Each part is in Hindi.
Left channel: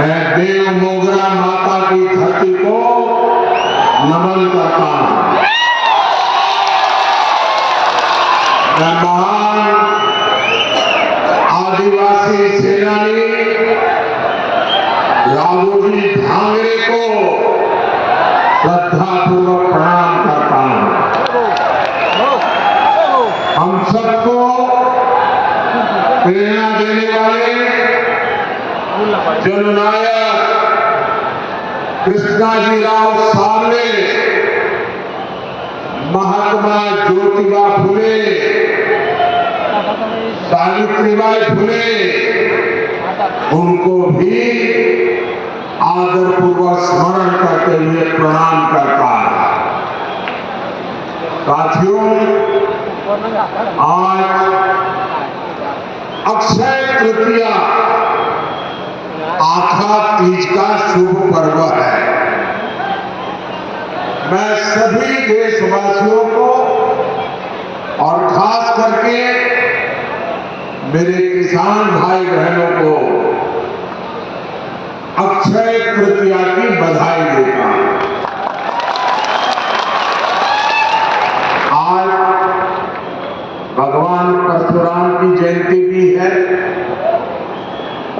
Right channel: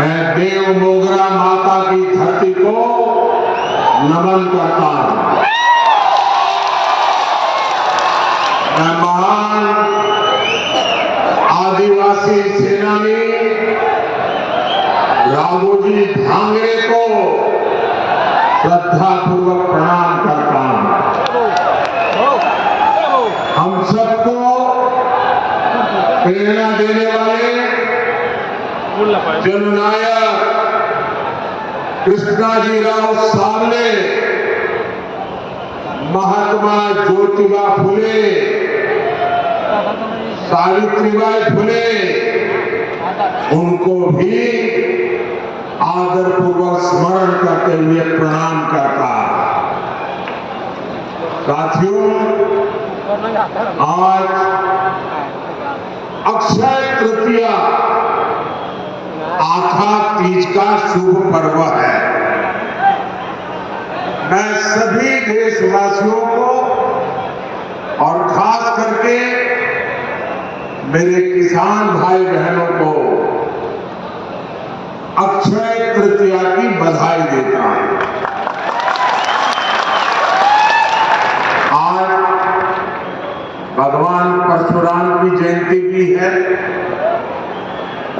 मैं देव मोगरा माता की धरती को नमन करता हूं। मैं महान आदिवासी सेनानी राघोजी भांगरे को श्रद्धापूर्वक प्रणाम करता हूं। हम सबको प्रेरणा देने वाले जननायक कृष्णाजी राव सामने, महात्मा ज्योतिबा फुले, सावित्रीबाई फुले, उनको भी आदरपूर्वक स्मरण करते हुए प्रणाम करता है। साथियों, आज अक्षय तृतीया आखा तीज का शुभ पर्व है। मैं सभी देशवासियों को और खास करके मेरे किसान भाई बहनों को अक्षय तृतीया की बधाई देता हूं। आज भगवान परशुराम की जयंती भी है।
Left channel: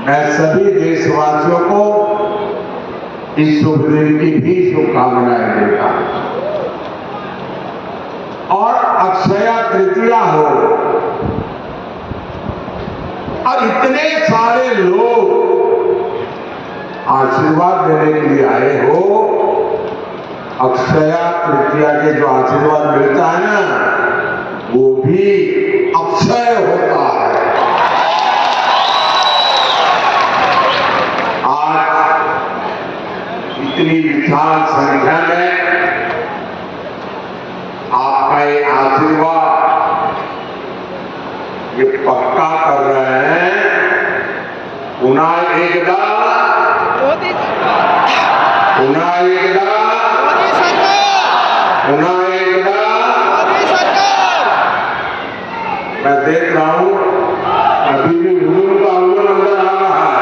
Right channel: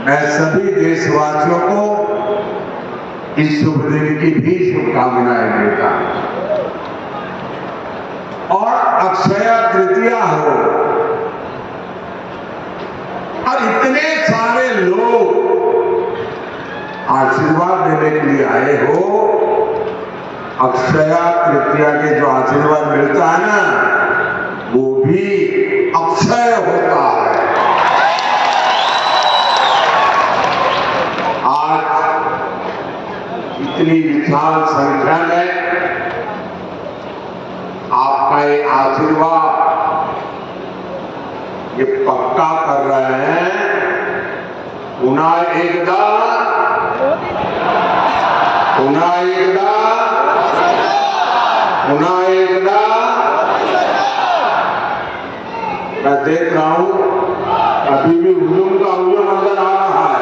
मैं सभी देशवासियों को इस शुभ दिन की भी शुभकामनाएं देता हूं। और अक्षय तृतीया हो और इतने सारे लोग आशीर्वाद देने के लिए आए हो। अक्षय तृतीया के जो आशीर्वाद मिलता है ना, वो भी अक्षय होता है। आज इतनी विशाल संख्या में आपका ये आशीर्वाद ये पक्का कर रहे हैं। पुनः एकदा मैं देख रहा हूं अभी भी हुजूम का हुजूम अंदर आ रहा है।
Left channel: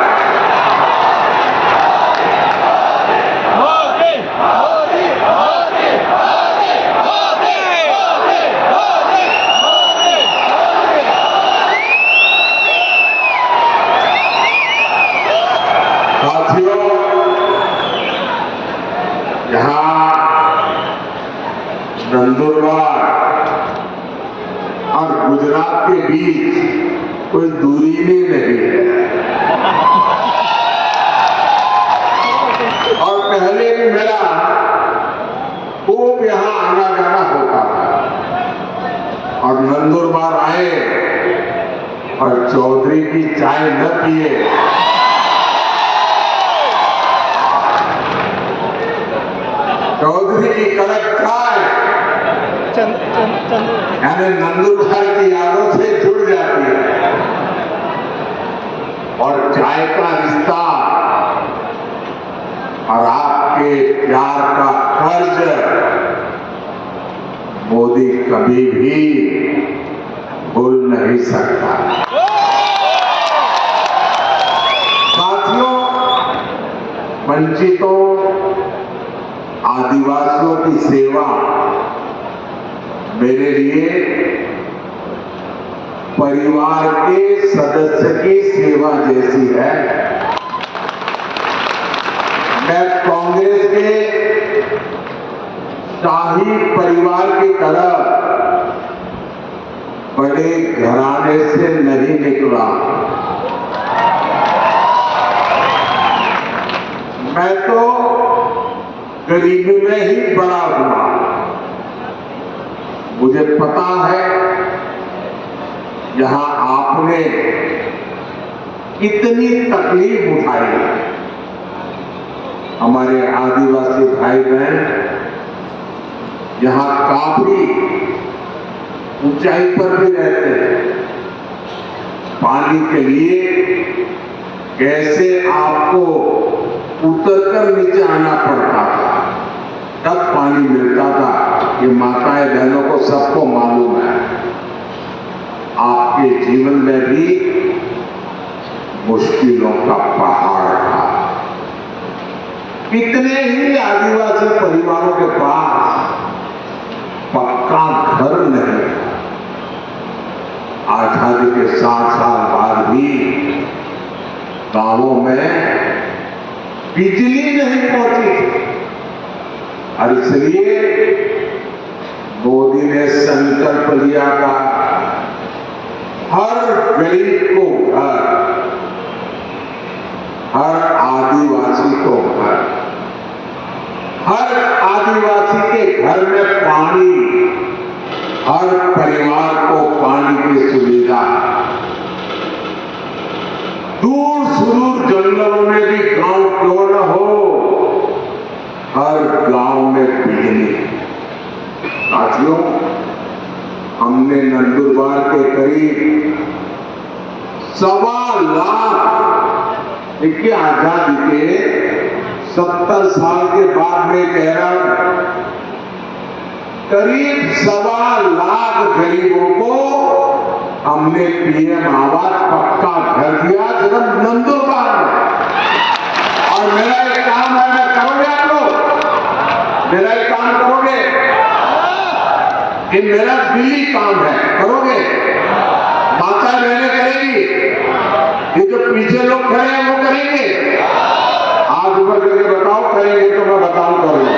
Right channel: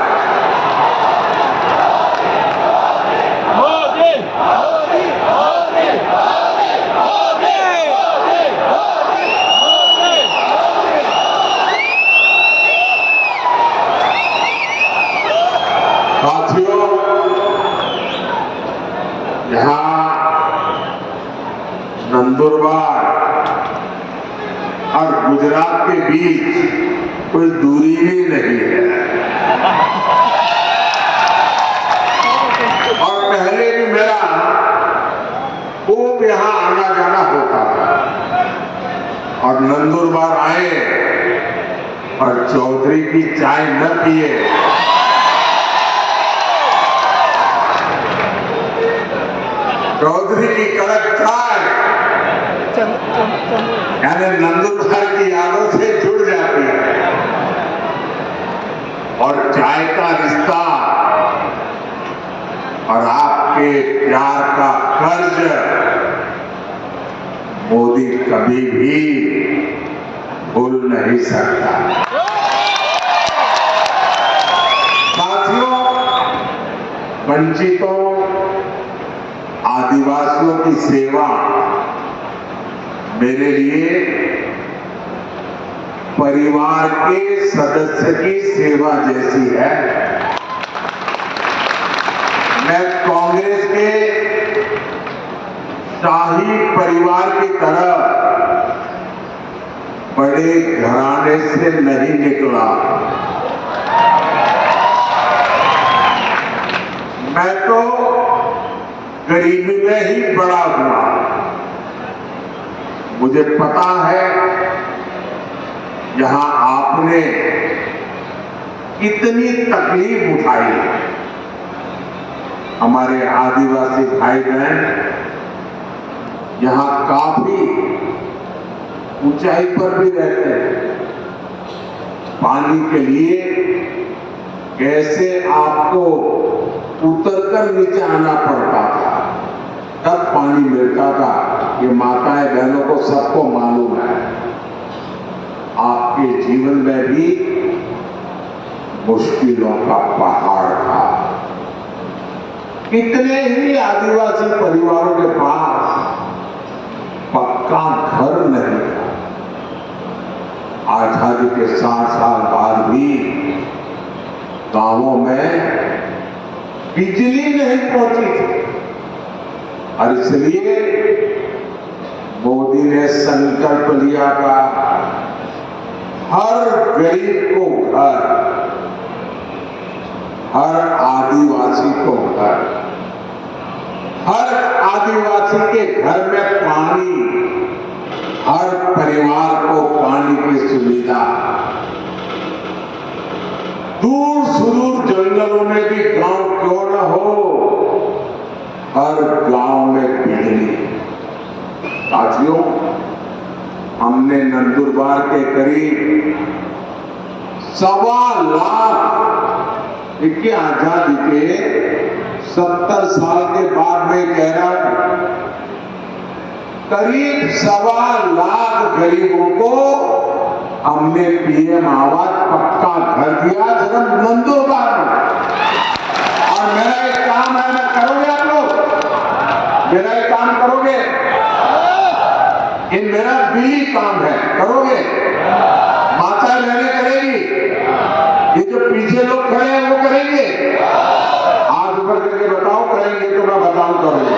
साथियों, यहाँ नंदुरबार और गुजरात के बीच कोई दूरी भी नहीं है। और पहले भी मेरा खूब यहाँ आना जाना होता था। और नंदुरबार आए और चौधरी की चाय न पिए चौधरी की कड़क चाय यानी नंदुरबार की यादों से जुड़ जाती है। और चाय का रिश्ता और आपके प्यार का कर्ज मोदी कभी भी भूल नहीं सकता। साथियों, वंचितों आदिवासियों की सेवा मेरे लिए परिवार के सदस्य की सेवा जैसी है। मैं कांग्रेस के शाही परिवार की तरह बड़े घराने से नहीं निकला। मैं तो गरीबी में ही बड़ा हुआ। मुझे पता है जहां आपने इतनी तकलीफ उठाई, हमारे आदिवासी भाई बहन यहां काफी ऊंचाई पर भी रहते हैं। पानी के लिए कैसे आपको उतरकर नीचे आना पड़ता था, तब पानी मिलता था। ये माताएं बहनों को सबको मालूम है। आपके जीवन में भी मुश्किलों का पहाड़ था। कितने ही आदिवासी परिवारों के पास पक्का घर नहीं है। आजादी के 60 साल बाद भी गांवों में बिजली नहीं पहुंची थी और इसलिए मोदी ने संकल्प लिया था हर गरीब को घर, हर आदिवासी को घर, हर आदिवासी के घर में पानी, हर परिवार को पानी की सुविधा, दूर सुदूर जंगलों में भी गांव क्यों न हो, हर गांव में बिजली। साथियों, हमने नंदुरबार के करीब 1.25 लाख, देखिए आजादी के 70 साल के बाद में कह रहा हूं, करीब 1.25 लाख गरीबों को हमने पीएम आवास पक्का घर दिया सिर्फ नंदुरबार में। और मेरा एक काम है, मैं करोगे आप लोग? मेरा एक काम करोगे? ये मेरा दिली काम है, करोगे? माता बहनें करेगी, ये जो पीछे लोग खड़े हैं वो करेंगे। हाथ ऊपर करके बताओ करेंगे तो मैं बताऊं करूंगा।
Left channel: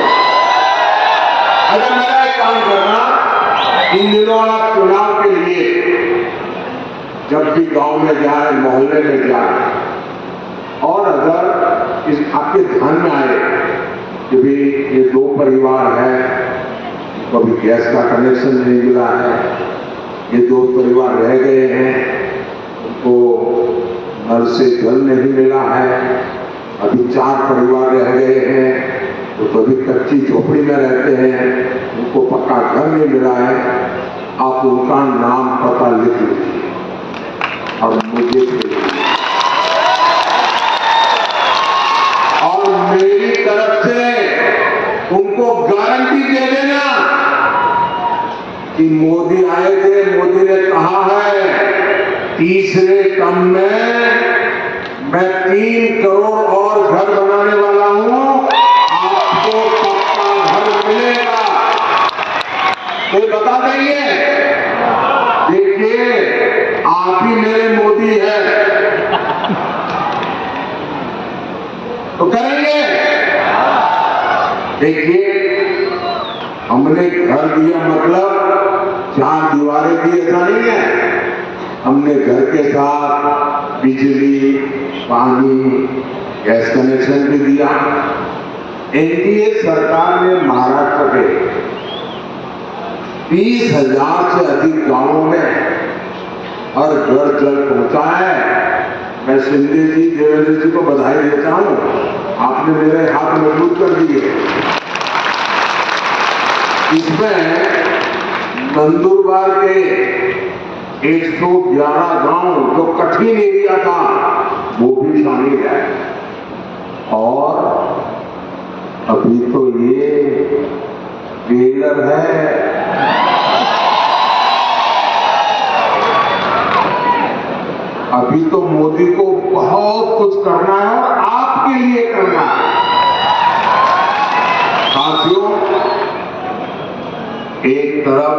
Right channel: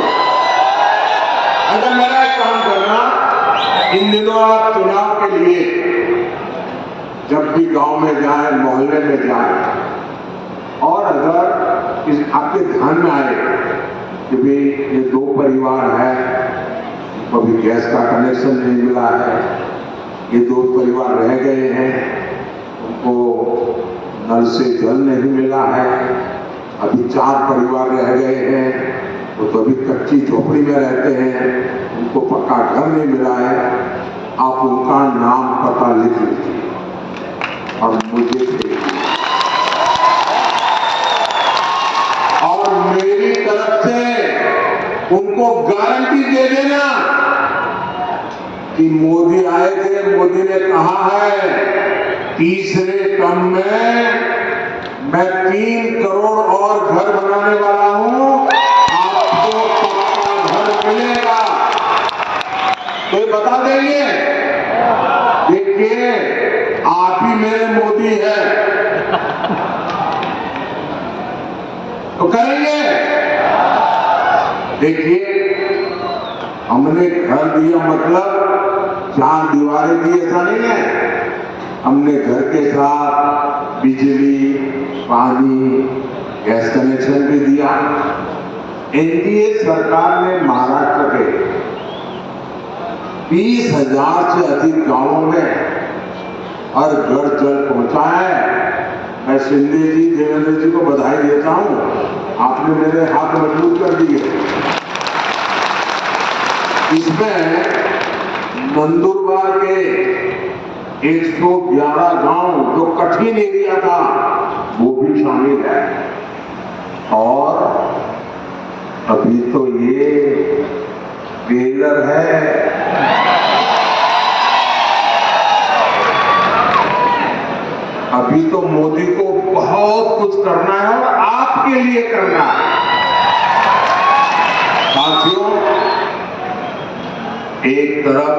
अगर मेरा एक काम करना, इन दिनों आप चुनाव के लिए जब भी गांव में जाए, मोहल्ले में जाए, और अगर इस आपके ध्यान में आए कि भी ये 2 परिवार हैं, कभी गैस का कनेक्शन नहीं मिला है, ये 2 परिवार रह गए हैं, उनको नल से जल नहीं मिला है, अभी 4 परिवार रह गए हैं तो अभी कच्ची झोपड़ी में रहते हैं, उनको पक्का घर नहीं मिला है, आप उनका नाम पता लिख लीजिए और मुझे भेजिए। और मेरी तरफ से उनको गारंटी दे देना कि मोदी आए थे, मोदी ने कहा है तीसरे टर्म में मैं 3 करोड़ और घर बनाने वाला हूं, आपको पक्का घर मिलेगा। कोई बता देंगे? देखिए, आप ही मेरे मोदी है, तो करेंगे। देखिए, हमने घर दिया मतलब 4 दीवारें दी, ऐसा नहीं है। हमने घर के साथ बिजली, पानी, गैस कनेक्शन भी दिया। एनडीए सरकार ने महाराष्ट्र के 20,000 से अधिक गांवों में हर घर जल पहुंचा है। मैं शिंदे जी, देवेंद्र जी को बधाई देता हूं, आपने मेरे हाथ मजबूत कर दिए। इसमें नंदुरबार के 111 गांव जो कठिन एरिया था वो भी शामिल है। और अभी तो ये ट्रेलर है, अभी तो मोदी को बहुत कुछ करना है और आपके लिए करना है। साथियों, एक तरफ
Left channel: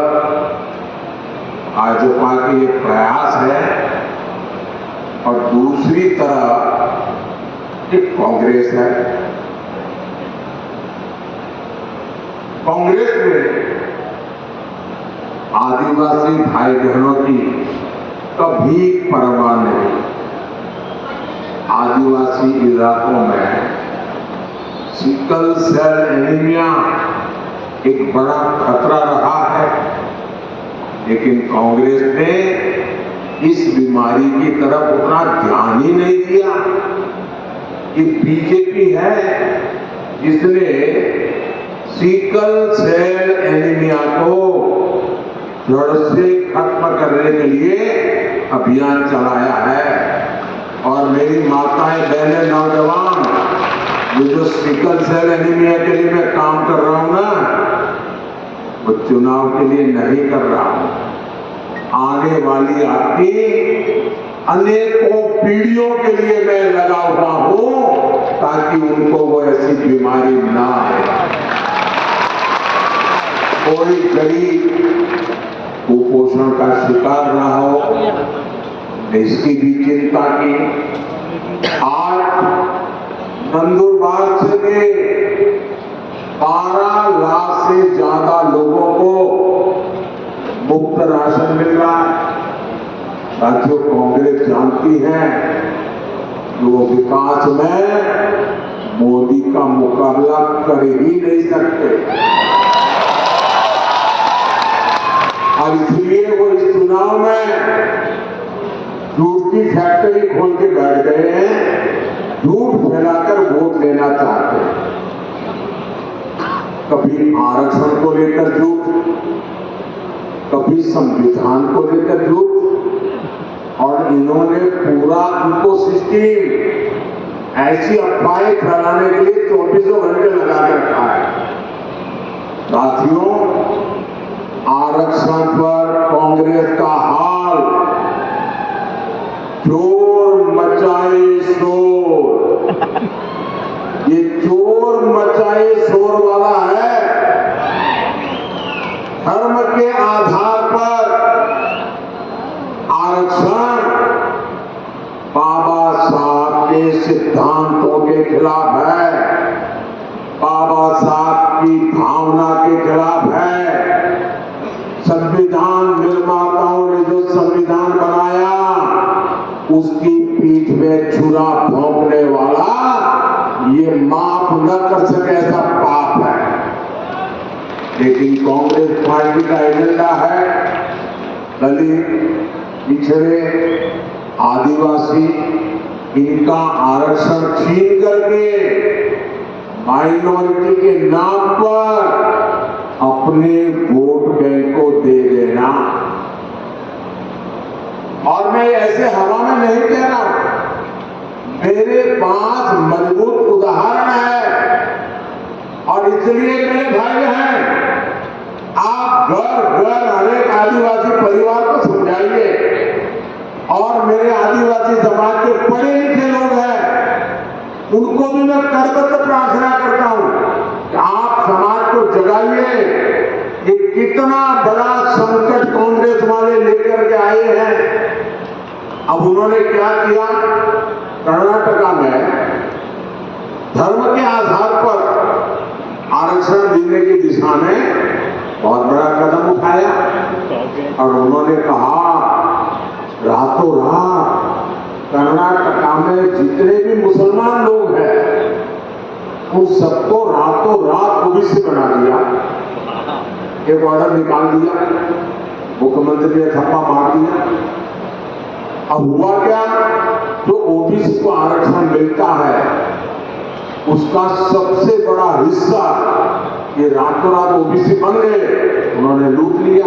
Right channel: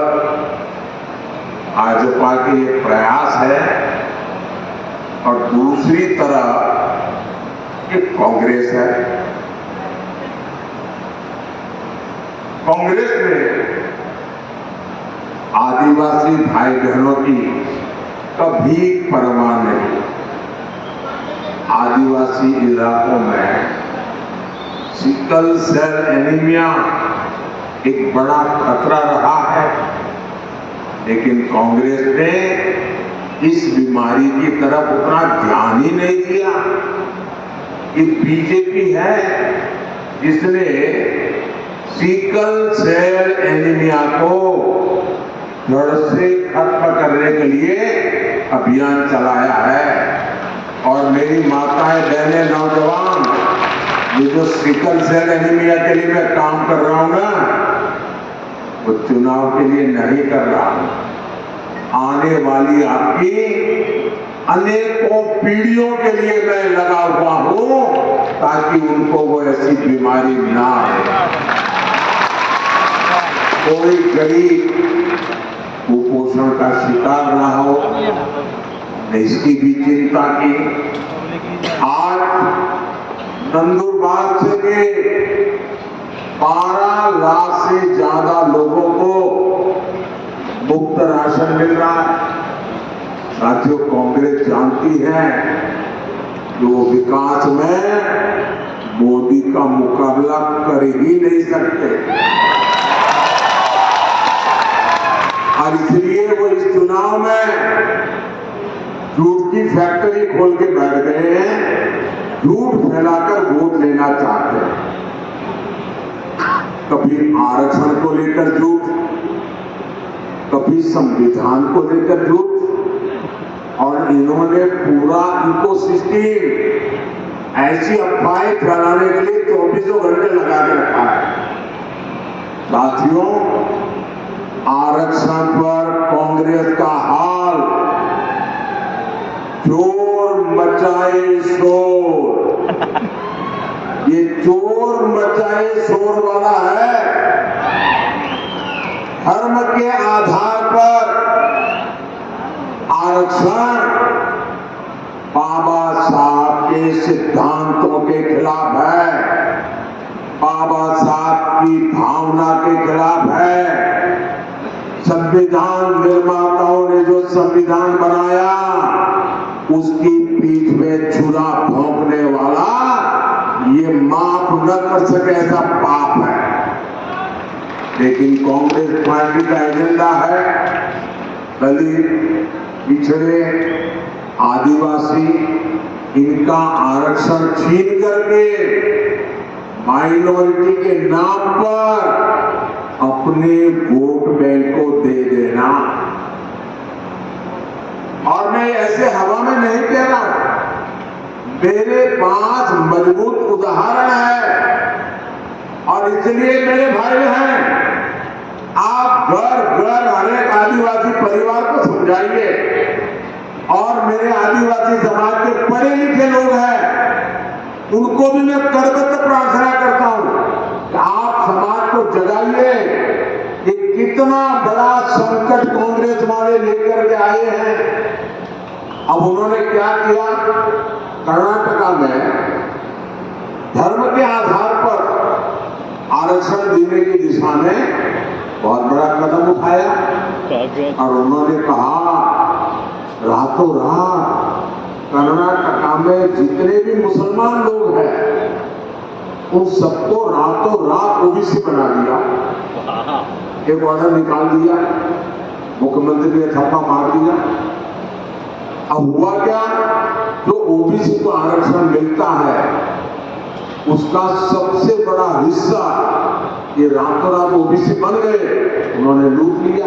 भाजपा की एक प्रयास है और दूसरी तरफ एक कांग्रेस है। कांग्रेस में आदिवासी भाई बहनों की कभी परवाह नहीं। आदिवासी इलाकों में सिकल सेल एनीमिया एक बड़ा खतरा रहा है, लेकिन कांग्रेस ने इस बीमारी की तरफ उतना ध्यान ही नहीं दिया। कि बीजेपी है जिसने सिकल सेल एनीमिया को जड़ से खत्म करने के लिए अभियान चलाया है। और मेरी माताएं, बहनें, नौजवान, ये जो सिकल सेल एनीमिया के लिए मैं काम कर रहा हूं ना, वो चुनाव के लिए नहीं कर रहा हूं। आने वाली आपकी अनेकों पीढ़ियों के लिए मैं लगा हुआ हूं ताकि उनको वो ऐसी बीमारी ना आए। कोई गरीब कुपोषण का शिकार ना हो, इसकी भी चिंता की। आज नंदुरबार से 12 लाख से ज्यादा लोगों को मुफ्त राशन मिल रहा है। साथियों, कांग्रेस जानती है कि वो विकास में मोदी का मुकाबला कर ही नहीं सकते और इसलिए वो इस चुनाव में झूठ की फैक्ट्री खोल के बैठ गए हैं, झूठ फैलाकर वोट लेना चाहते हैं। कभी आरक्षण को लेकर झूठ, कभी संविधान को लेकर झूठ, और इन्होंने पूरा इकोसिस्टम ऐसी अफवाहें फैलाने के लिए 24 घंटे लगा के रखा है। साथियों, आरक्षण पर कांग्रेस का हाल चोर मचाए शोर, ये चोर मचाए शोर वाला है। धर्म के आधार पर आरक्षण बाबा साहब के सिद्धांतों के खिलाफ है, बाबा साहब की भावना के खिलाफ है। संविधान निर्माताओं ने जो संविधान बनाया उसकी पीठ में छुरा भोंकने वाला ये माफ न कर सके ऐसा पाप है। लेकिन कांग्रेस पार्टी का एजेंडा है दलित, पिछड़े, आदिवासी, इनका आरक्षण छीन करके माइनॉरिटी के नाम पर अपने वोट बैंक को दे देना। और मैं ऐसे हवा में नहीं कह रहा हूं, मेरे पास मजबूत उदाहरण है और इसलिए मेरे भाई बहन, आप घर घर हर एक आदिवासी परिवार को समझाइए। और मेरे आदिवासी समाज के पढ़े लिखे लोग हैं, उनको भी मैं करबद्ध प्रार्थना करता हूं कि आप समाज को जगाइए। ये कितना बड़ा संकट कांग्रेस वाले लेकर के आए हैं। अब उन्होंने क्या किया, कर्नाटका में धर्म के आधार पर आरक्षण देने की दिशा में बहुत बड़ा कदम उठाया और उन्होंने कहा रातों रात कर्नाटका में जितने भी मुसलमान लोग हैं उन सबको रातों रात ओबीसी बना दिया। एक ऑर्डर निकाल दिया, मुख्यमंत्री ने थप्पा मार दिया। अब हुआ क्या, जो ओबीसी को आरक्षण मिलता है उसका सबसे बड़ा हिस्सा ये रातों रात ओबीसी बन गए, उन्होंने लूट लिया।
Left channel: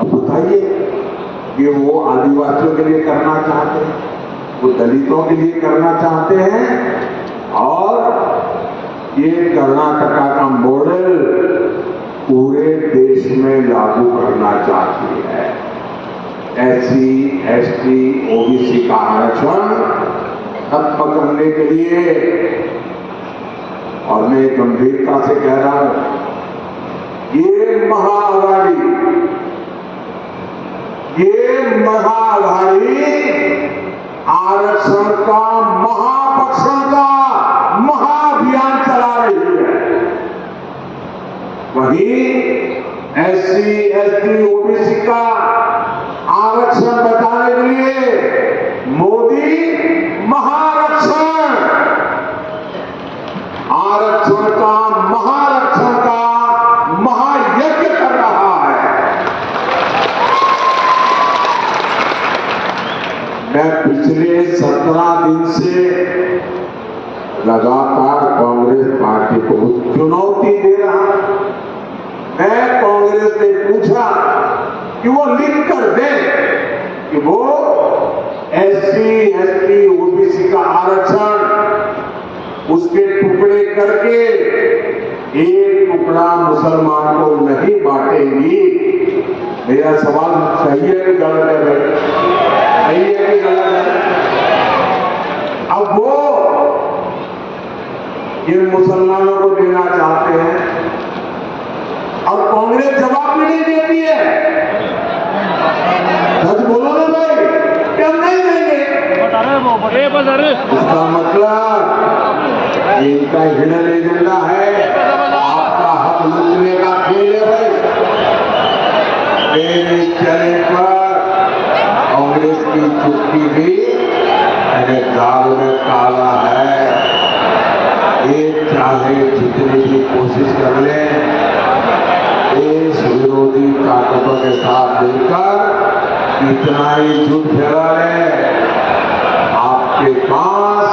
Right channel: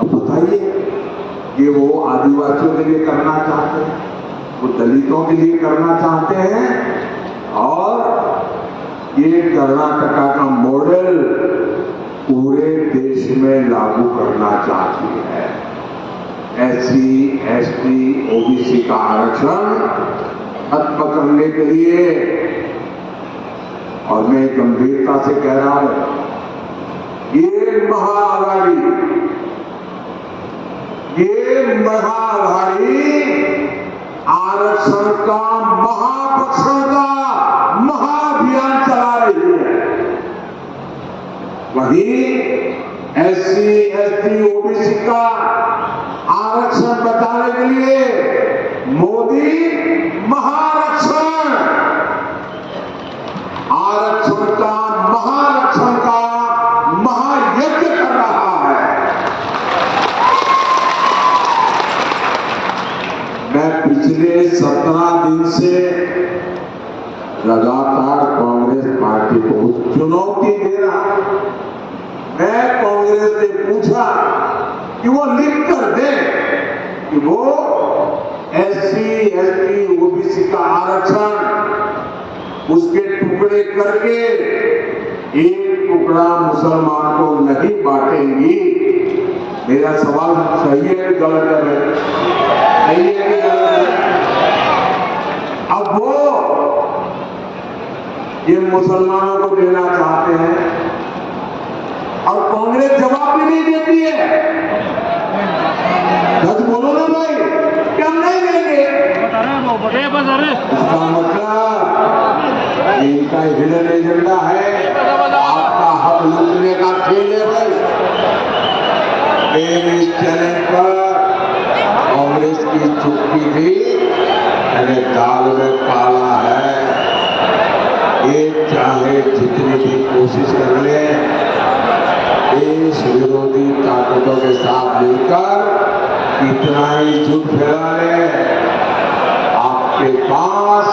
अब बताइए, ये वो आदिवासियों के लिए करना चाहते हैं, वो दलितों के लिए करना चाहते हैं और ये कर्नाटका का मॉडल पूरे देश में लागू करना चाहती है। SC, ST, OBC का आरक्षण खत्म करने के लिए, और मैं गंभीरता से कह रहा हूं, ये महाअघाड़ी आरक्षण का महापक्षण का महाअभियान चला रही है। वहीं SC, ST, OBC का आरक्षण बचाने के लिए मोदी महारक्षण, आरक्षण का महारक्षण का महायज्ञ कर रहा है। मैं पिछले 17 दिन से लगातार कांग्रेस पार्टी को चुनौती दे रहा हूं। मैं कांग्रेस से पूछा कि वो लिख कर दे कि वो SC, ST, OBC का आरक्षण उसके टुकड़े करके एक टुकड़ा मुसलमान को नहीं बांटेंगी। मेरा सवाल सही है कि गलत है भाई? सही है। इन मुसलमानों को देना चाहते हैं और कांग्रेस जवाब भी नहीं देती है। सच बोलो ना भाई, क्या हम नहीं देंगे? इसका मतलब इनका हिडन एजेंडा है, आपका हक लूटने का खेल है भाई। इस चैनल पर कांग्रेस की चुप्पी भी अरे दाग में काला है। ये चाहे जितनी भी कोशिश कर ले, देश विरोधी ताकतों के साथ मिलकर इतना ही झूठ फैला ले, आपके पास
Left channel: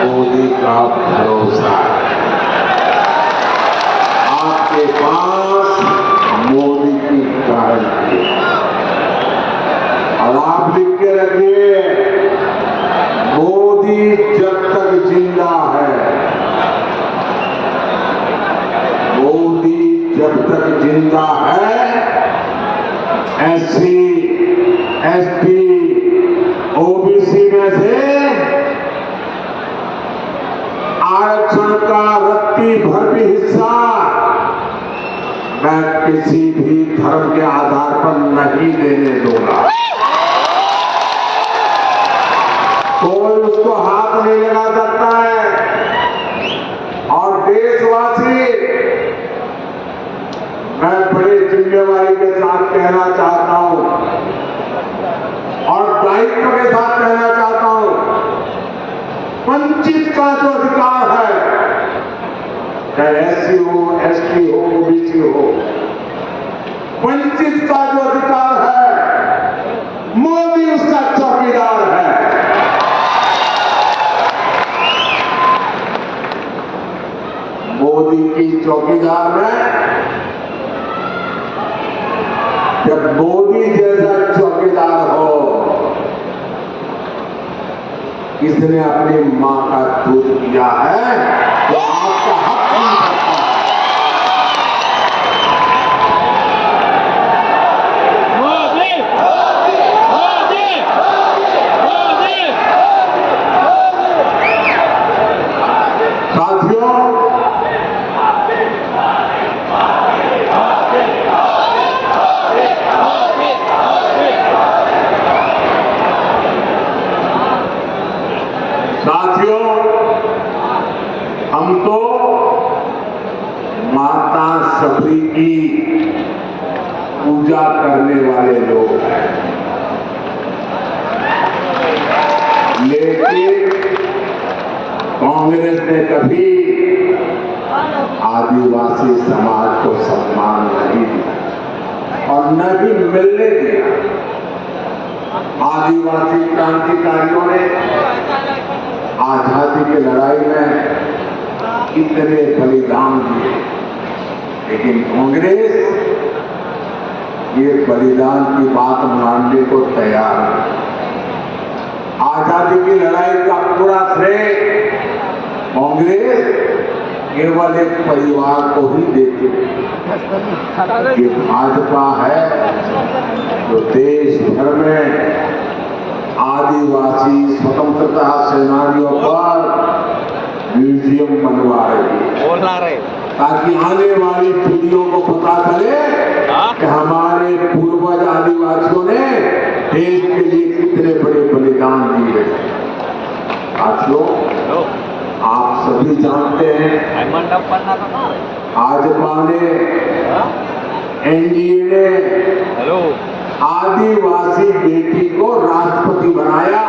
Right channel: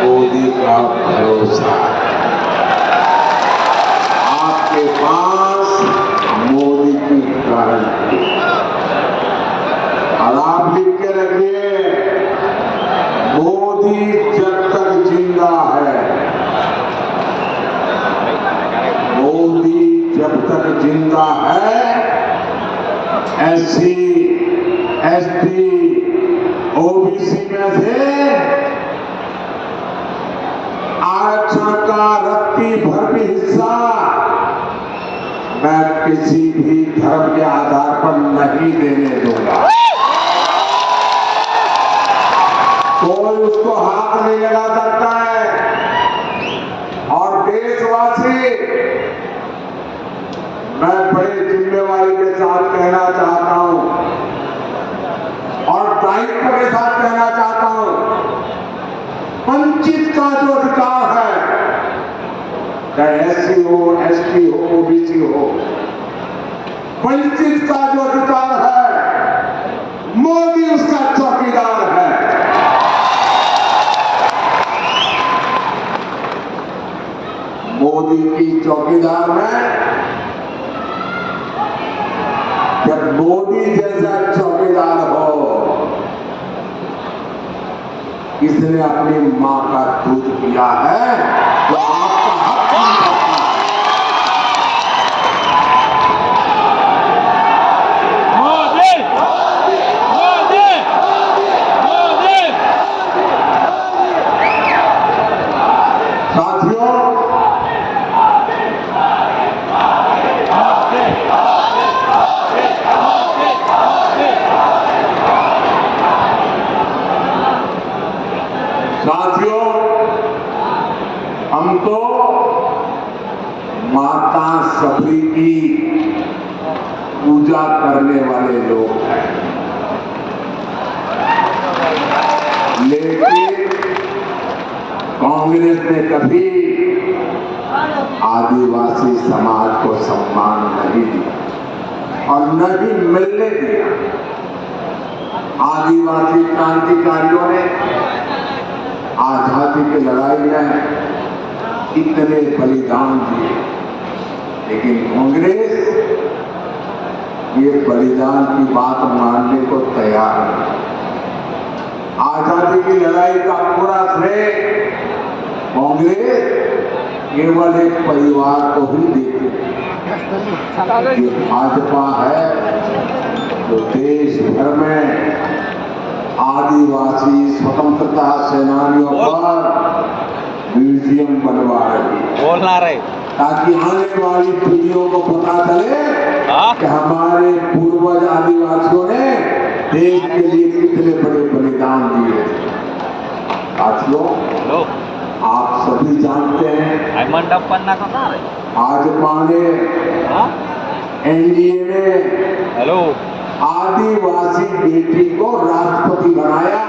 मोदी का भरोसा है, आपके पास मोदी की गारंटी। और आप लिख के रखिए, मोदी जब तक जिंदा है, मोदी जब तक जिंदा है, SC, ST, OBC में से आरक्षण का रत्ती भर भी हिस्सा मैं किसी भी धर्म के आधार पर नहीं देने दूंगा। कोई उसको हाथ नहीं लगा सकता है। और देशवासी, मैं बड़ी जिम्मेवारी के साथ कहना चाहता हूं और दायित्व के साथ कहना चाहता हूं, वंचित का जो अधिकार है, चाहे SC हो, ST हो, OBC हो, वंचित का जो अधिकार है, मोदी उसका चौकीदार है। मोदी की चौकीदार में जब मोदी जैसा चौकीदार हो, किसने अपनी मां का दूध पिया है तो आपका हक छीन सकता है। मोदी, मोदी, मोदी, मोदी, मोदी। साथियों, साथियों, हम तो माता सबरी की पूजा करने वाले लोग हैं, लेकिन कांग्रेस ने कभी आदिवासी समाज को सम्मान नहीं दिया और न ही मिलने दिया। आदिवासी क्रांतिकारियों ने आजादी की लड़ाई में इतने बलिदान दिए, लेकिन कांग्रेस ये बलिदान की बात मानने को तैयार नहीं। आजादी की लड़ाई का पूरा श्रेय कांग्रेस केवल एक परिवार को ही देती है। ये भाजपा है जो देश भर में आदिवासी स्वतंत्रता सेनानियों पर म्यूजियम बनवा रही है, ताकि आने वाली पीढ़ियों को पता चले कि हमारे पूर्वज आदिवासियों ने देश के लिए कितने बड़े बलिदान दिए। साथियों, आप सभी जानते हैं, भाजपा ने, NDA ने आदिवासी बेटी को राष्ट्रपति बनाया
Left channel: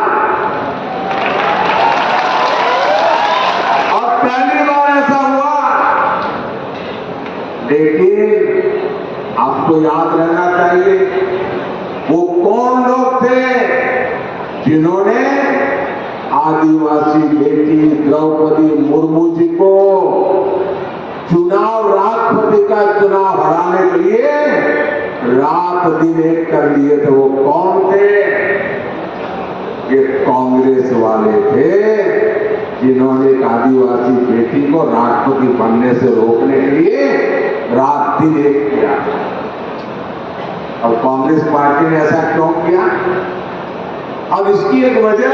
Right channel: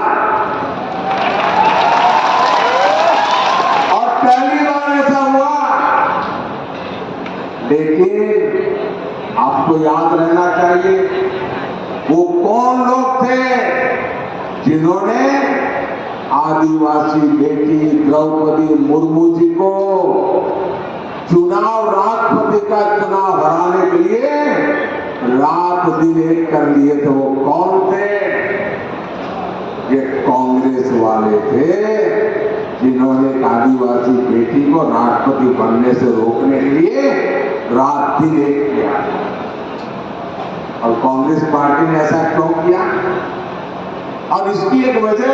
और पहली बार ऐसा हुआ। लेकिन आपको याद रहना चाहिए, वो कौन लोग थे जिन्होंने आदिवासी बेटी द्रौपदी मुर्मू जी को चुनाव, राष्ट्रपति का चुनाव हराने के लिए रात दिन एक कर लिए थे। वो कौन थे? ये कांग्रेस वाले थे, जिन्होंने एक आदिवासी बेटी को राष्ट्रपति बनने से रोकने के लिए रात दिन एक किया। और कांग्रेस पार्टी ने ऐसा क्यों किया? और इसकी एक वजह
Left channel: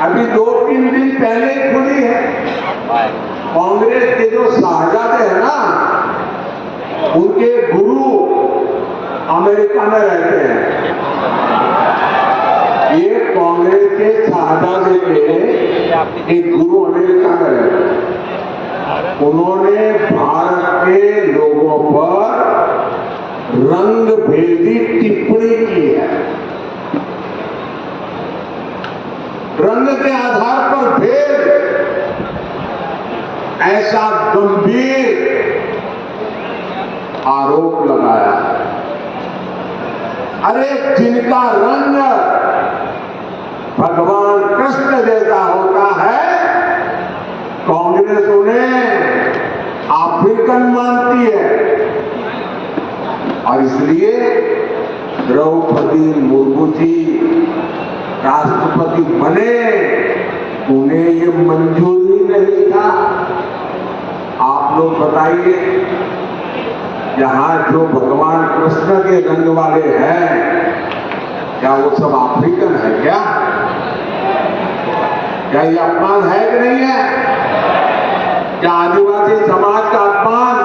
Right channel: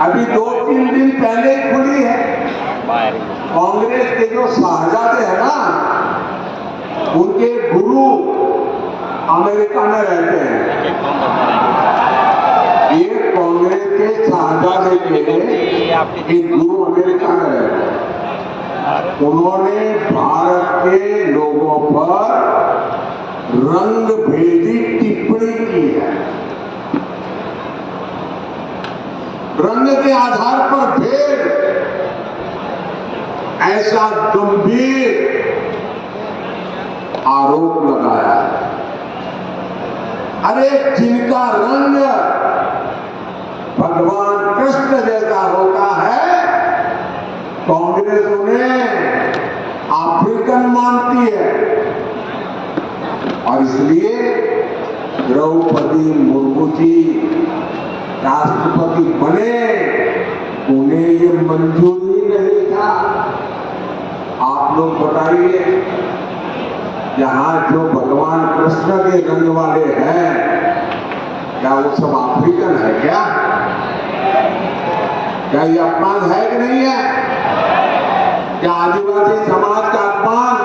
अभी 2-3 दिन पहले ही खुली है। कांग्रेस के जो शाहजादे हैं ना, उनके गुरु अमेरिका में रहते हैं। ये कांग्रेस के शाहजादे के एक गुरु अमेरिका में रहते हैं। उन्होंने भारत के लोगों पर रंग भेदी टिप्पणी की है। रंग के आधार पर भेद, ऐसा गंभीर आरोप लगाया। अरे जिनका रंग भगवान कृष्ण जैसा होता है, कांग्रेस उन्हें अफ्रीकन मानती है। और इसलिए द्रौपदी मुर्मू जी राष्ट्रपति बने, उन्हें ये मंजूर ही नहीं था। आप लोग बताइए, यहाँ जो भगवान कृष्ण के रंग वाले हैं, क्या वो सब अफ्रीकन है? क्या ये अपमान है कि नहीं है? क्या आदिवासी समाज का अपमान,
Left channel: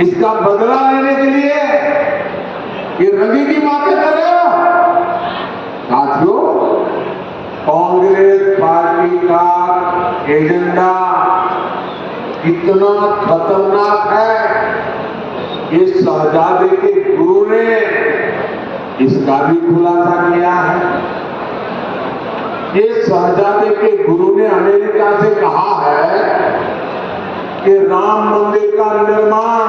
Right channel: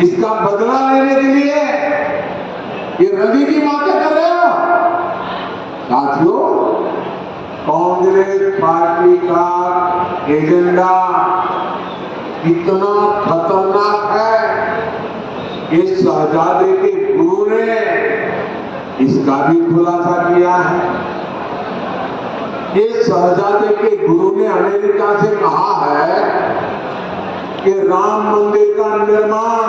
इसका बदला लेने के लिए ये रंगी की बातें कर रहे हो? साथियों, कांग्रेस पार्टी का एजेंडा कितना खतरनाक है, इस शहजादे के गुरु ने इसका भी खुलासा किया है। ये शहजादे के गुरु ने अमेरिका से कहा है कि राम मंदिर का निर्माण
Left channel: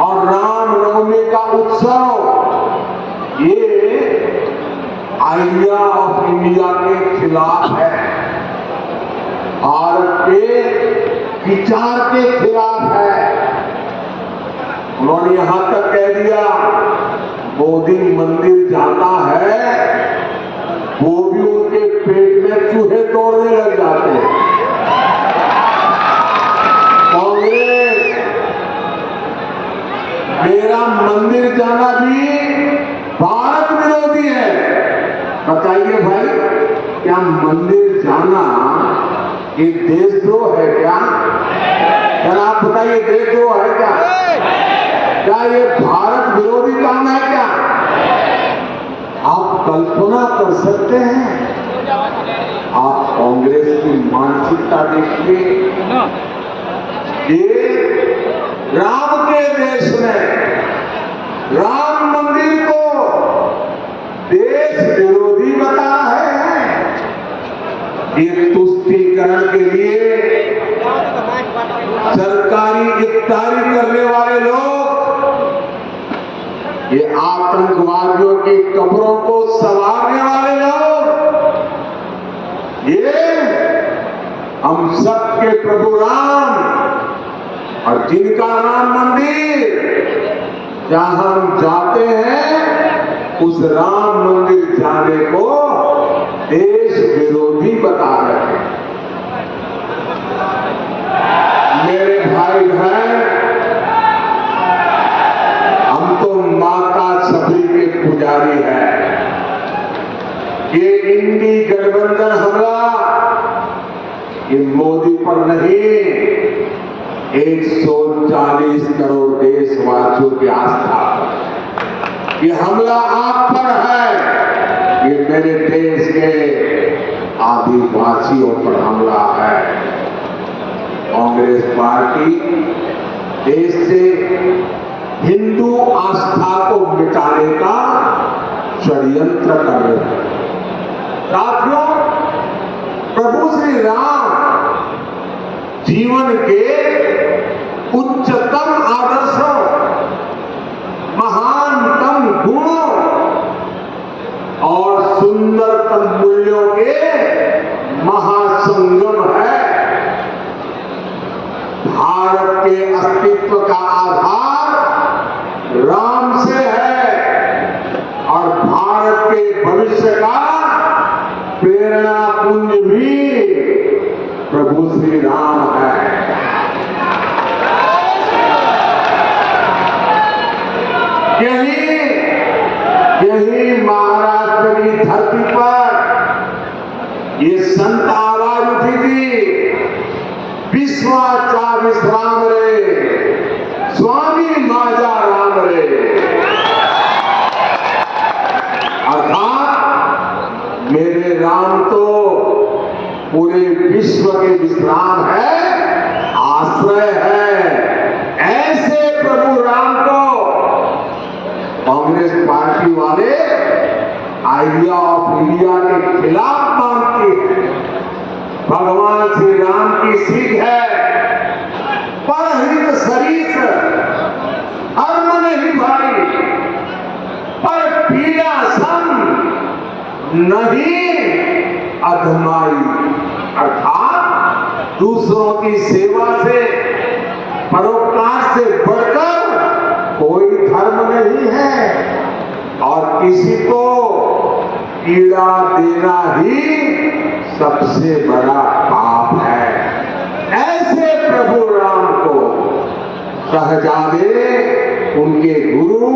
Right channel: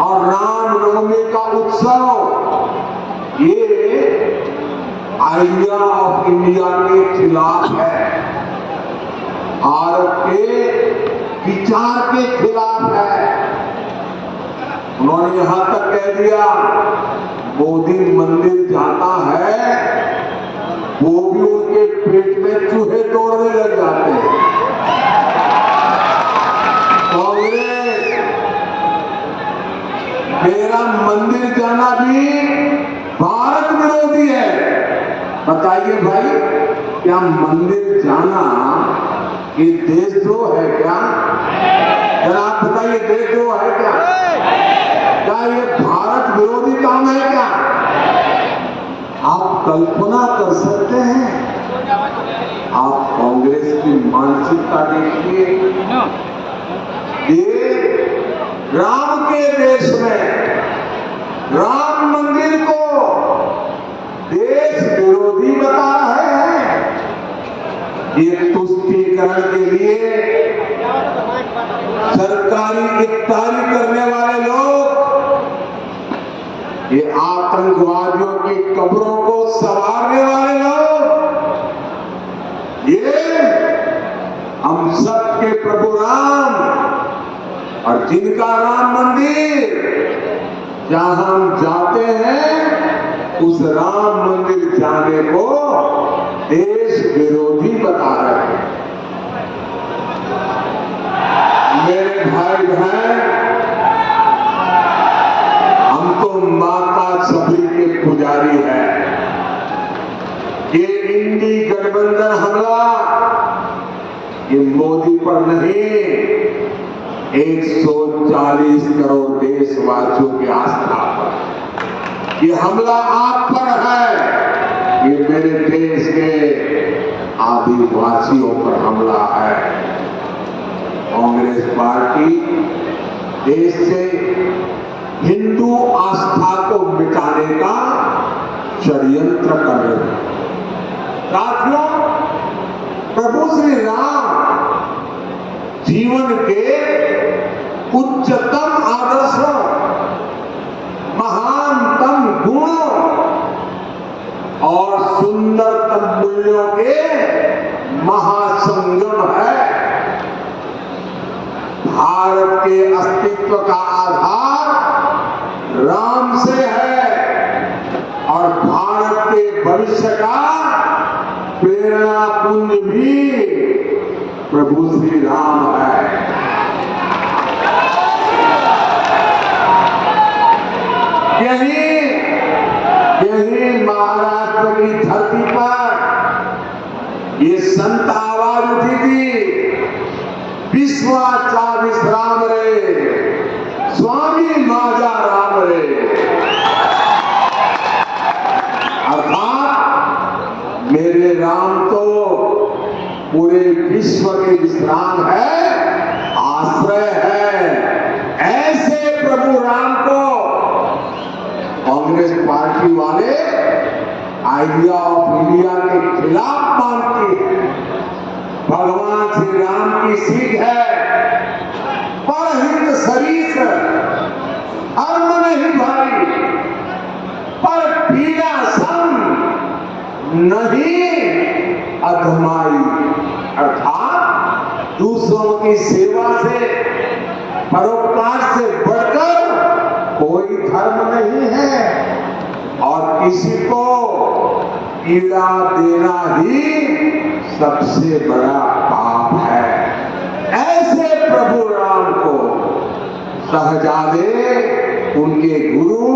और रामनवमी का उत्सव ये आइडिया ऑफ इंडिया के खिलाफ है, भारत के विचार के खिलाफ है। उन्होंने यहां तक कह दिया, मोदी मंदिर जाता है, वो भी उनके पेट में चूहे दौड़ने लग जाते हैं। कांग्रेस मेरा मंदिर जाना भी भारत विरोधी है। बताइए भाई, क्या मंदिर जाना ये देशद्रोह है क्या? जरा आप बताइए, देशद्रोह है क्या? क्या ये भारत विरोधी काम है क्या? आप कल्पना कर सकते हैं? आप कांग्रेस की मानसिकता देखिए। ये राम के देश में राम मंदिर को देश विरोधी बता रहे हैं। ये तुष्टीकरण के लिए सरकारी इफ्तारी करने वाले लोग, ये आतंकवादियों की कब्रों को संवारने वाले लोग, ये हम सबके प्रभु राम और जिनका राम मंदिर जहां हम जाते हैं, उस राम मंदिर जाने को देश विरोधी बता रहे हैं। मेरे भाई बहन, हम तो माता सभी के पुजारी हैं। ये इंडी गठबंधन हमला ये मोदी पर नहीं, 140 करोड़ देशवासियों की आस्था पर। ये हमला आप पर है, ये मेरे देश के आदिवासियों पर हमला है। कांग्रेस पार्टी देश से हिंदू आस्था को मिटाने का षड्यंत्र कर रही है। साथियों, प्रभु श्री राम जीवन के उच्चतम आदर्शों, महानतम गुणों और सुंदरतम मूल्यों के महासंगम है। भारत के अस्तित्व का आधार राम से है और भारत के भविष्य का प्रेरणा पुंज भी प्रभु श्री राम है। यही महाराष्ट्र की धरती पर मेरे राम तो पूरे विश्व के विश्राम है, आश्रय है। ऐसे प्रभु राम को कांग्रेस पार्टी वाले आइडिया ऑफ इंडिया के खिलाफ मानती है। भगवान श्री राम की सीख है, परहित सरीस हर्म नहीं भाई, पर पीड़ा सम नहीं अधमाई। अर्थात दूसरों की सेवा से, परोपकार से बढ़कर कोई धर्म नहीं है और किसी को पीड़ा देना ही सबसे बड़ा पाप है। ऐसे प्रभु राम को शहजादे, उनके गुरु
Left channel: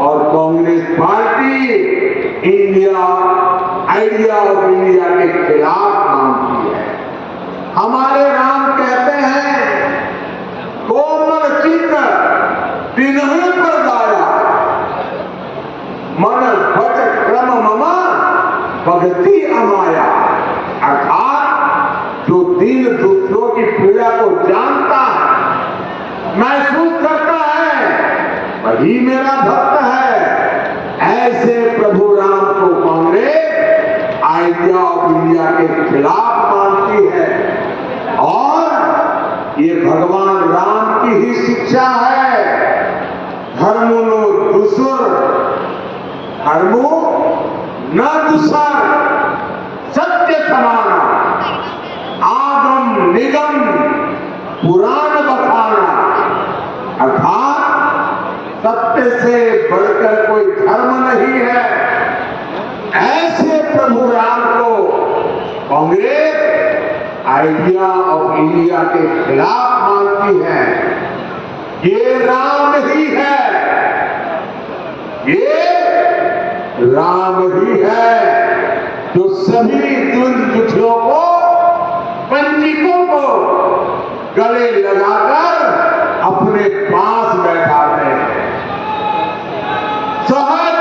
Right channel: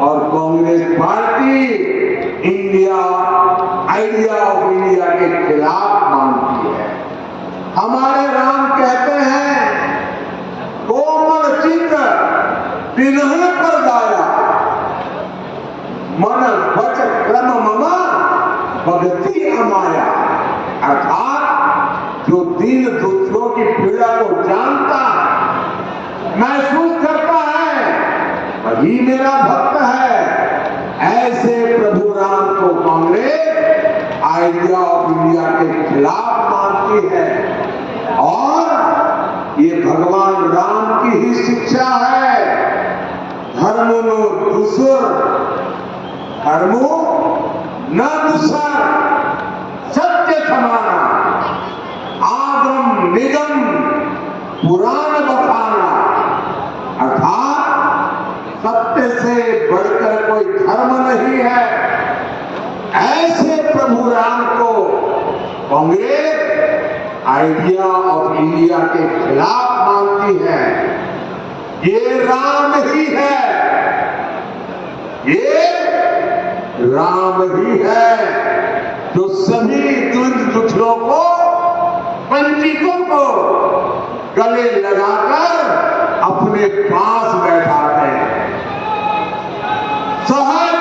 और Congress party India idea of India के खिलाफ मानती है। हमारे राम कहते हैं, कोमल चित्त तिन्ह पर दाया, मन वच क्रम ममा भगति अमाया। अर्थात जो दीन दुखियों की पीड़ा को जानता है, महसूस करता है, वही मेरा भक्त है। ऐसे प्रभु राम को कांग्रेस आइडिया ऑफ इंडिया के खिलाफ मानती है और ये भगवान राम की ही शिक्षा है। धर्मो नो दुसुर, धर्मो न दुसर, सत्य समाना, आगम निगम पुराण बखाना। अर्थात सत्य से बढ़कर कोई धर्म नहीं है। ऐसे प्रभु राम को कांग्रेस आइडिया ऑफ इंडिया के खिलाफ मानती है। ये राम ही है, ये राम ही है जो सभी द्वंद्व दुखियों को, वंचितों को गले लगाकर अपने पास बैठाते हैं। सहज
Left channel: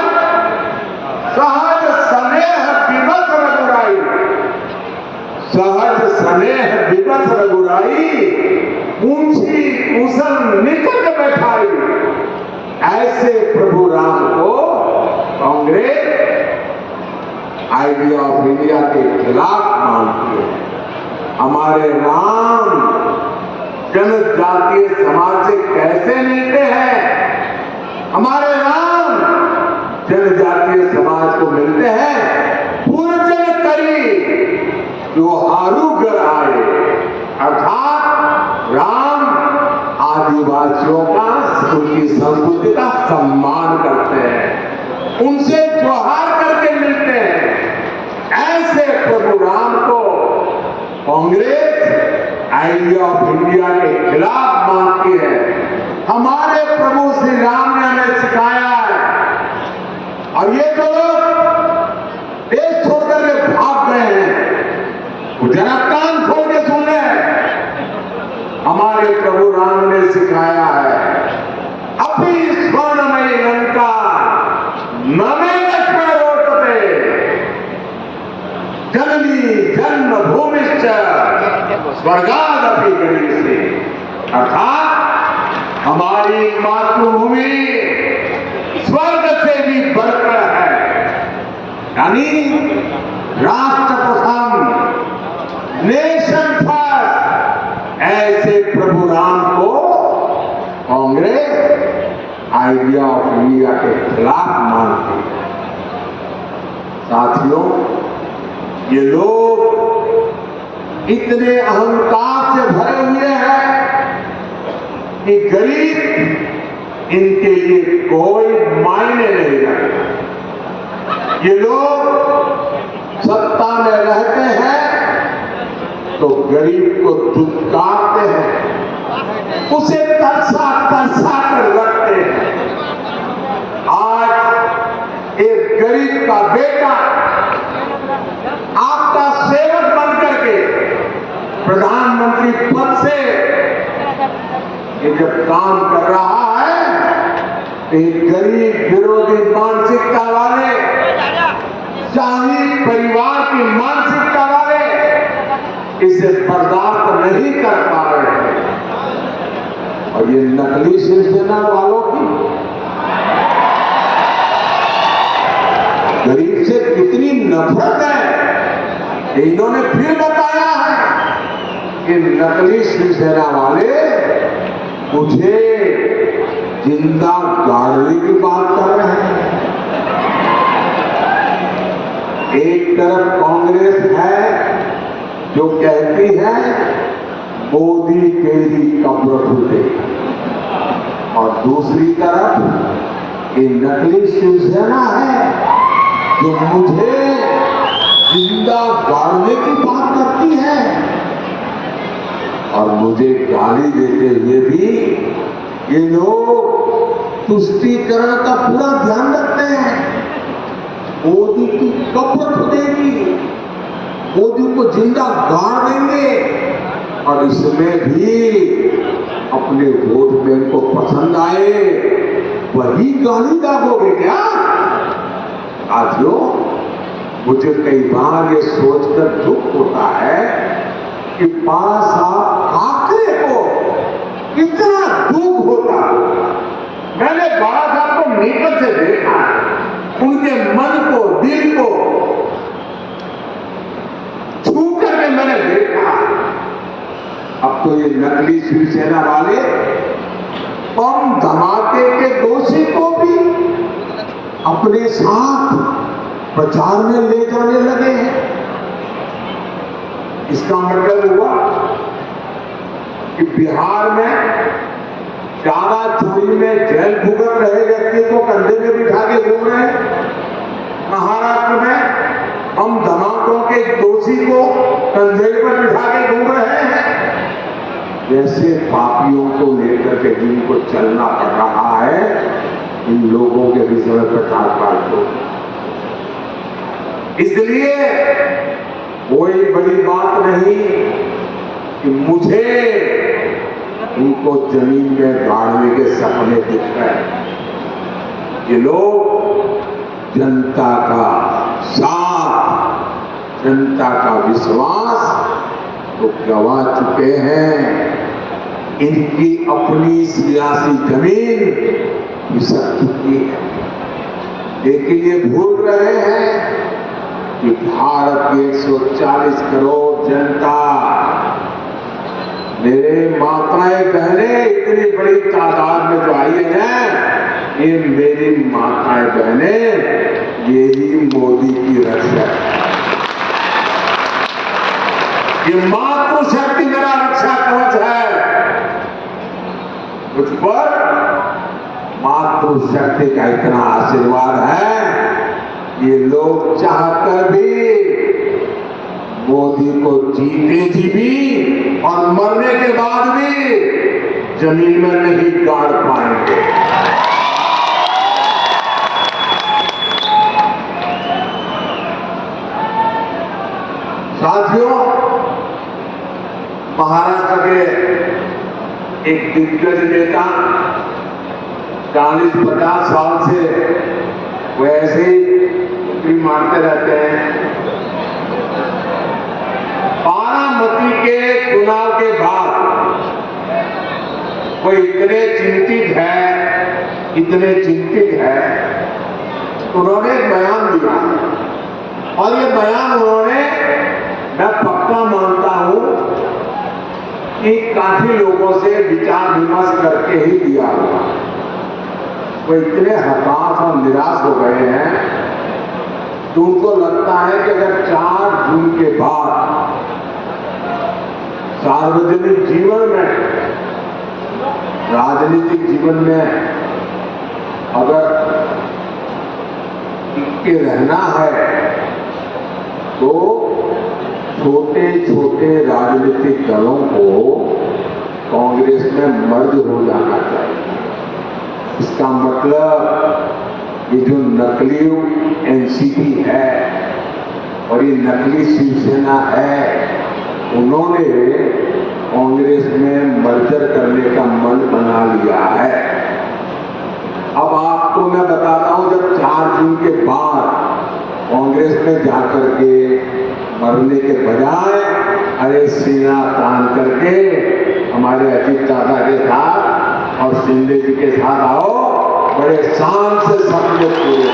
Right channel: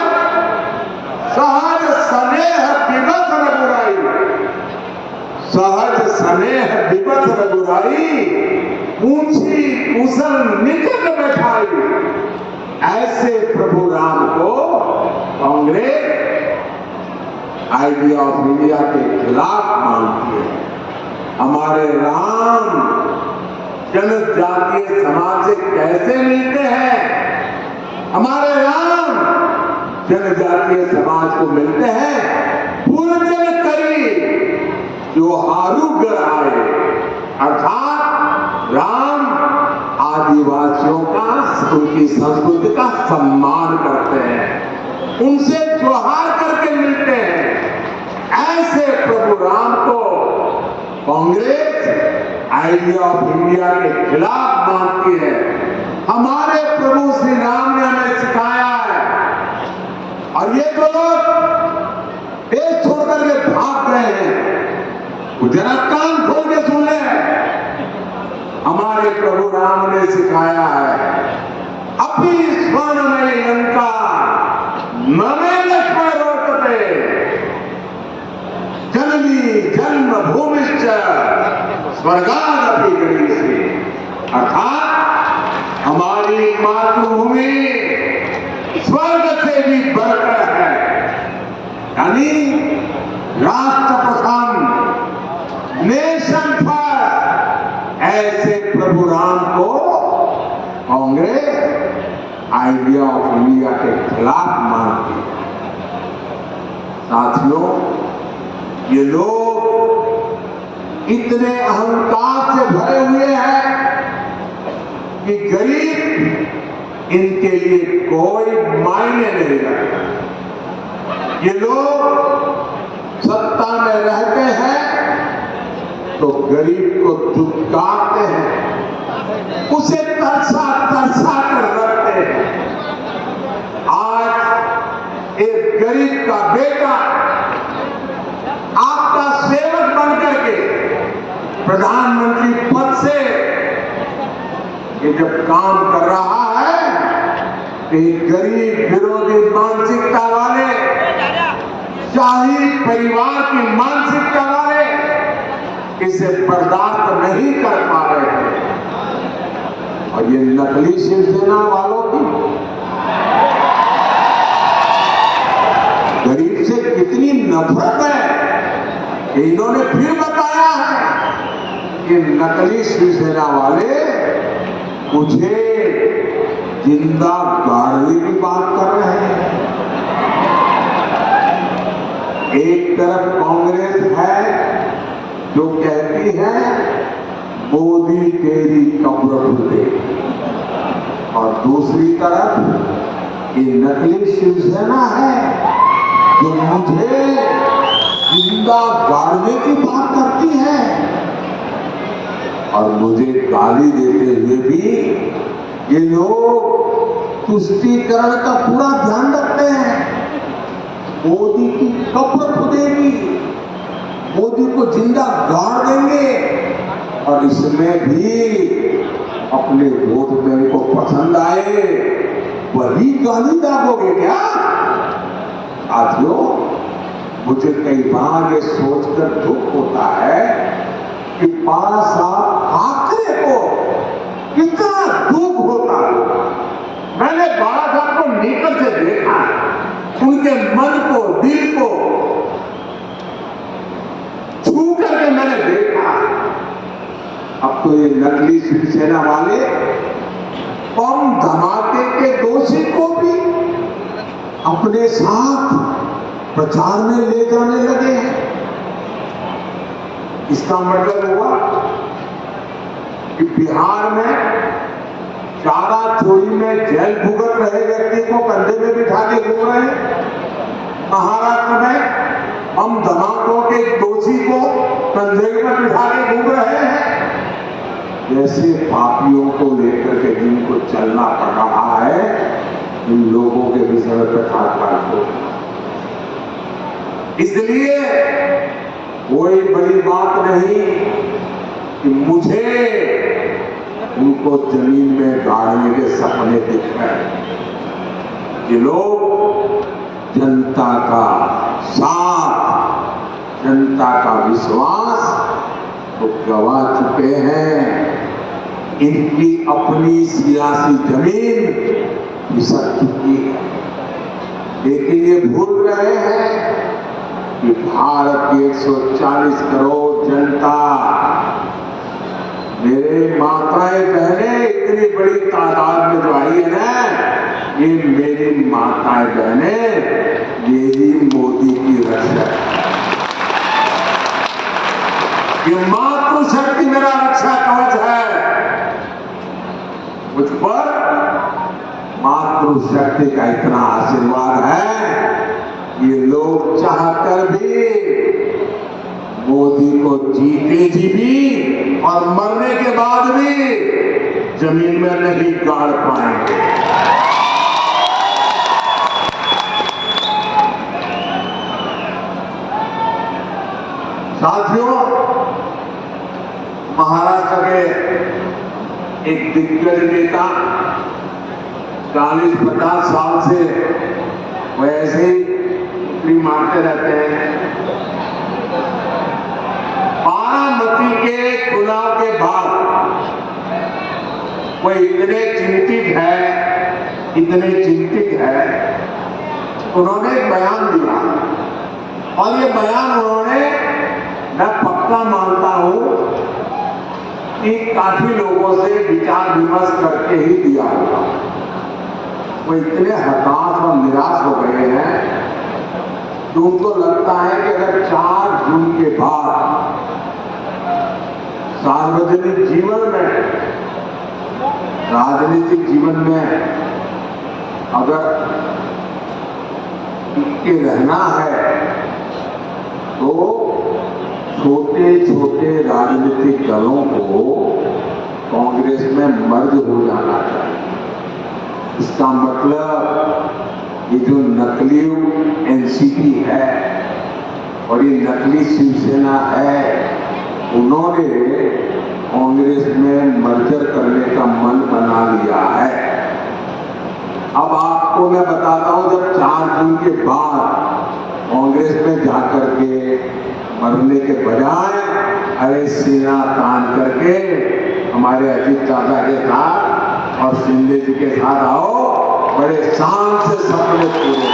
सहज स्नेह विवश रघुराई, सहज स्नेह विवश रघुराई, ऊंची कुशल निकट बैठाई। ऐसे प्रभु राम को कांग्रेस आइडिया ऑफ इंडिया के खिलाफ मानती है। हमारे राम जनजातीय समाज से कैसे मिलते हैं? हमारे राम जनजातीय समाज को मिलते हैं पूर्जन करी जो हारू गर आए। अर्थात राम आदिवासियों का, उनकी संस्कृति का सम्मान करते हैं, उनसे जोहार करके मिलते हैं। ऐसे प्रभु राम को कांग्रेस आइडिया ऑफ इंडिया के खिलाफ मानती है। हमारे प्रभु श्री राम ने हमें सिखाया है और ये जो लोग देश छोड़कर के भाग रहे हैं, वो जरा कान खोल के सुने। हमारे प्रभु राम ने सिखाया है, अपनी स्वर्णमयी लंका नमे लक्ष्मण रोटते, जननी जन्म भूमिश्च स्वर्गादपि गरीयसे। अर्थात हमारी मातृभूमि स्वर्ग से भी बढ़कर है, यानी राष्ट्र प्रथम, नेशन फर्स्ट। ऐसे प्रभु राम को कांग्रेस आइडिया ऑफ इंडिया के खिलाफ मानती है। साथियों, ये लोग इतने अहंकार से भरे हुए हैं कि गरीब इनके लिए कोई मायने नहीं रखता। ये लोग सत्ता में रहते हैं तो गरीब को दुत्कारते हैं, उसे तरसा तरसा कर रखते हैं। आज एक गरीब का बेटा आपका सेवक बन करके प्रधानमंत्री पद से ये जब काम कर रहा है, एक गरीब विरोधी मानसिकता वाले शाही परिवार की मानसिकता वाले इसे बर्दाश्त नहीं कर पा रहे थे। और ये नकली शिवसेना वालों की गरीब से कितनी नफरत है, इन्होंने फिर बताया है कि नकली शिवसेना वाले मुझे जिंदा गाड़ने की बात कर रहे हैं। एक तरफ कांग्रेस है जो कहती है मोदी तेरी कब्र फूटे, और दूसरी तरफ ये नकली शिवसेना है जो मुझे जिंदा गाड़ने की बात करती है। और मुझे गाली देते हुए भी ये लोग तुष्टीकरण का पूरा ध्यान रखते हैं। मोदी की कब्र फूटेगी, मोदी को जिंदा गाड़ देंगे, और इसमें भी अपने वोट बैंक को पसंद आए वही गाली दागोगे क्या? साथियों, मुझे कई बार ये सोचकर दुख होता है कि 5 साल ठाकरे को कितना दुख होता। मैंने बाला साहब को मीटर से देखा, उनके मन को, दिल को छू करके मैंने देखा। अब तो ये नकली शिवसेना वाले बम धमाके के दोषी को भी अपने साथ प्रचार में ले जाने लगे हैं। इसका मतलब हुआ कि बिहार में चारा चोरी में जेल भुगत रहे व्यक्ति को कंधे में बिठा के घूम रहे हैं। महाराष्ट्र में बम धमाकों के दोषी को कंधे पर बिठा के घूम रहे हैं। जैसे पापियों को लेकर के जिनको चलना पड़ रहा है, इन लोगों के विषय में प्रचार करो। इसलिए कोई बड़ी बात नहीं कि मुझे उनको जमीन में गाड़ने के सपने दिख रहे हैं। ये लोग जनता का साथ, जनता का विश्वास तो गवा चुके हैं। इनकी अपनी सियासी जमीन खिसक चुकी है। लेकिन ये भूल रहे हैं कि भारत की 140 करोड़ जनता, मेरे माताएं बहनें इतनी बड़ी तादाद में जो आई है ना, ये मेरी माताएं बहनें, यही मोदी की रक्षा है। ये मातृशक्ति मेरा रक्षा कवच है। मुझ पर मातृशक्ति का इतना आशीर्वाद है, ये लोग चाहकर भी मोदी को जीते जी भी और मरने के बाद भी जमीन में नहीं गाड़ पाएंगे। साथियों, महाराष्ट्र के एक दिग्गज नेता 40-50 साल से वैसे ही टुकड़ी मारते रहते हैं। बारामती के चुनाव के बाद वो इतने चिंतित है, उन्होंने एक बयान दिया, और ये बयान उन्होंने, मैं पक्का मानता हूं कि काफी लोगों से विचार विमर्श करके ही दिया होगा। वो इतने हताश और निराश हो गए हैं कि उनको लगता है कि अगर 4 जून के बाद सार्वजनिक जीवन में, राजनीतिक जीवन में अगर टिके रहना है तो छोटे छोटे राजनीतिक दलों को कांग्रेस में मर्ज हो जाना चाहिए। इसका मतलब ये जो नकली एनसीपी है और ये नकली शिवसेना है, उन्होंने कांग्रेस में मर्जर करने का मन बना लिया है। अब आपको मैं बताता हूं, जब 4 जून के बाद कांग्रेस में जाकर के मरने के बजाय अरे सीना तान करके हमारे अजीत दादा के साथ और शिंदे जी के साथ आओ, बड़े शान से सपने पूरे।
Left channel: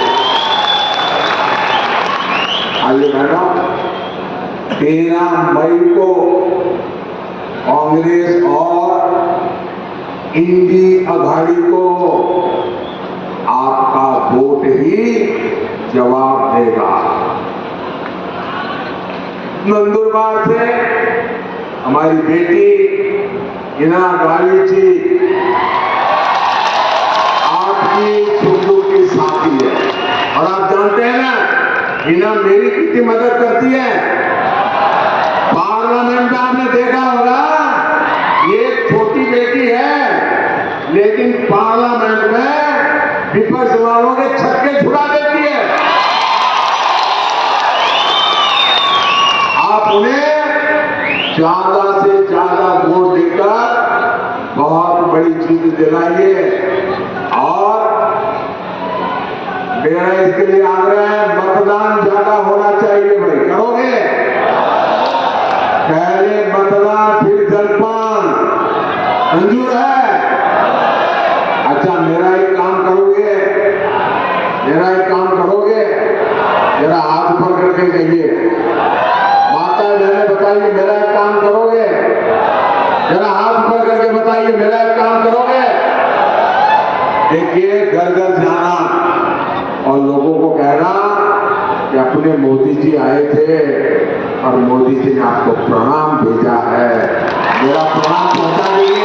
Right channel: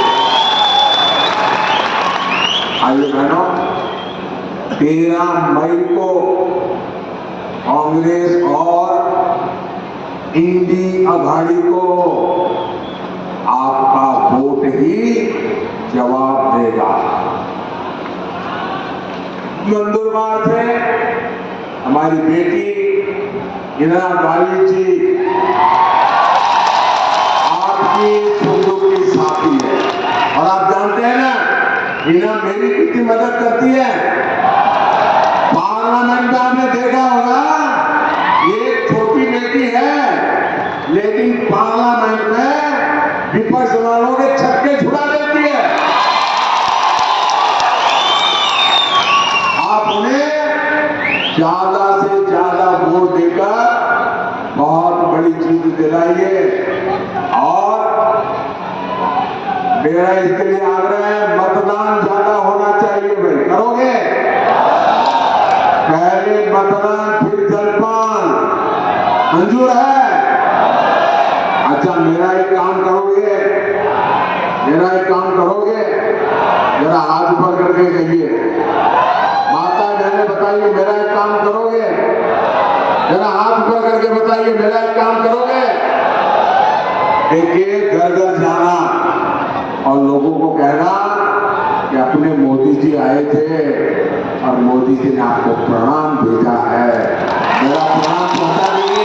आइए बहनों, 13 मई को कांग्रेस और इंडी अघाड़ी को आपका वोट ही जवाब देगा। नंदुरबार से हमारी बेटी हिना गावी जी आपकी सुख की साथी है, और आप जानते हैं ना, हिना मेरी कितनी मदद करती है। पार्लियामेंट में आपने देखा होगा, ये छोटी बेटी है लेकिन पार्लियामेंट में विपक्ष वालों के छक्के छुड़ा देती है। आप उन्हें ज्यादा से ज्यादा वोट देकर बहुत बड़ी चीज दिलाइए। और मेरा इसके लिए आग्रह है, मतदान ज्यादा होना चाहिए। भाई करोगे? पहले मतदान फिर जलपान, मंजूर है? अच्छा, मेरा एक काम करोगे, जरा हाथ ऊपर करके कहिए। माता बहने बताइए, मेरा एक काम करोगे? जरा हाथ ऊपर करके बताइए, मेरा एक काम करोगे? देखिए, घर घर जाना और लोगों को कहना कि अपने मोदी जी आए थे और मोदी जी ने आपको प्रणाम भेजा है, मेरा प्रणाम पहुंचा दीजिए।